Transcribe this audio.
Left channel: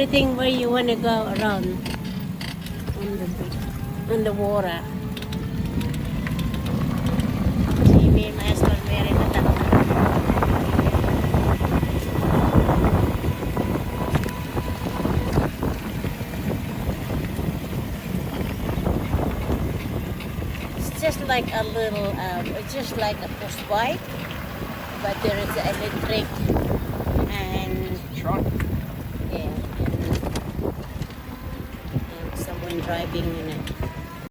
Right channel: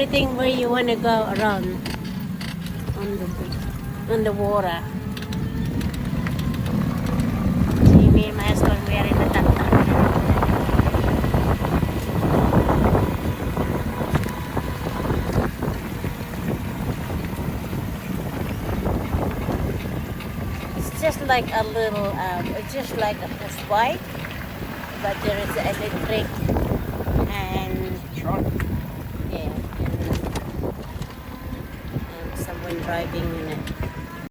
everything where you want to go around on the water. See me and my husband, we are in the tata. It's just like a little, it's just like a push bike, but there is the electric and Truck. yeah, and someone driving in it.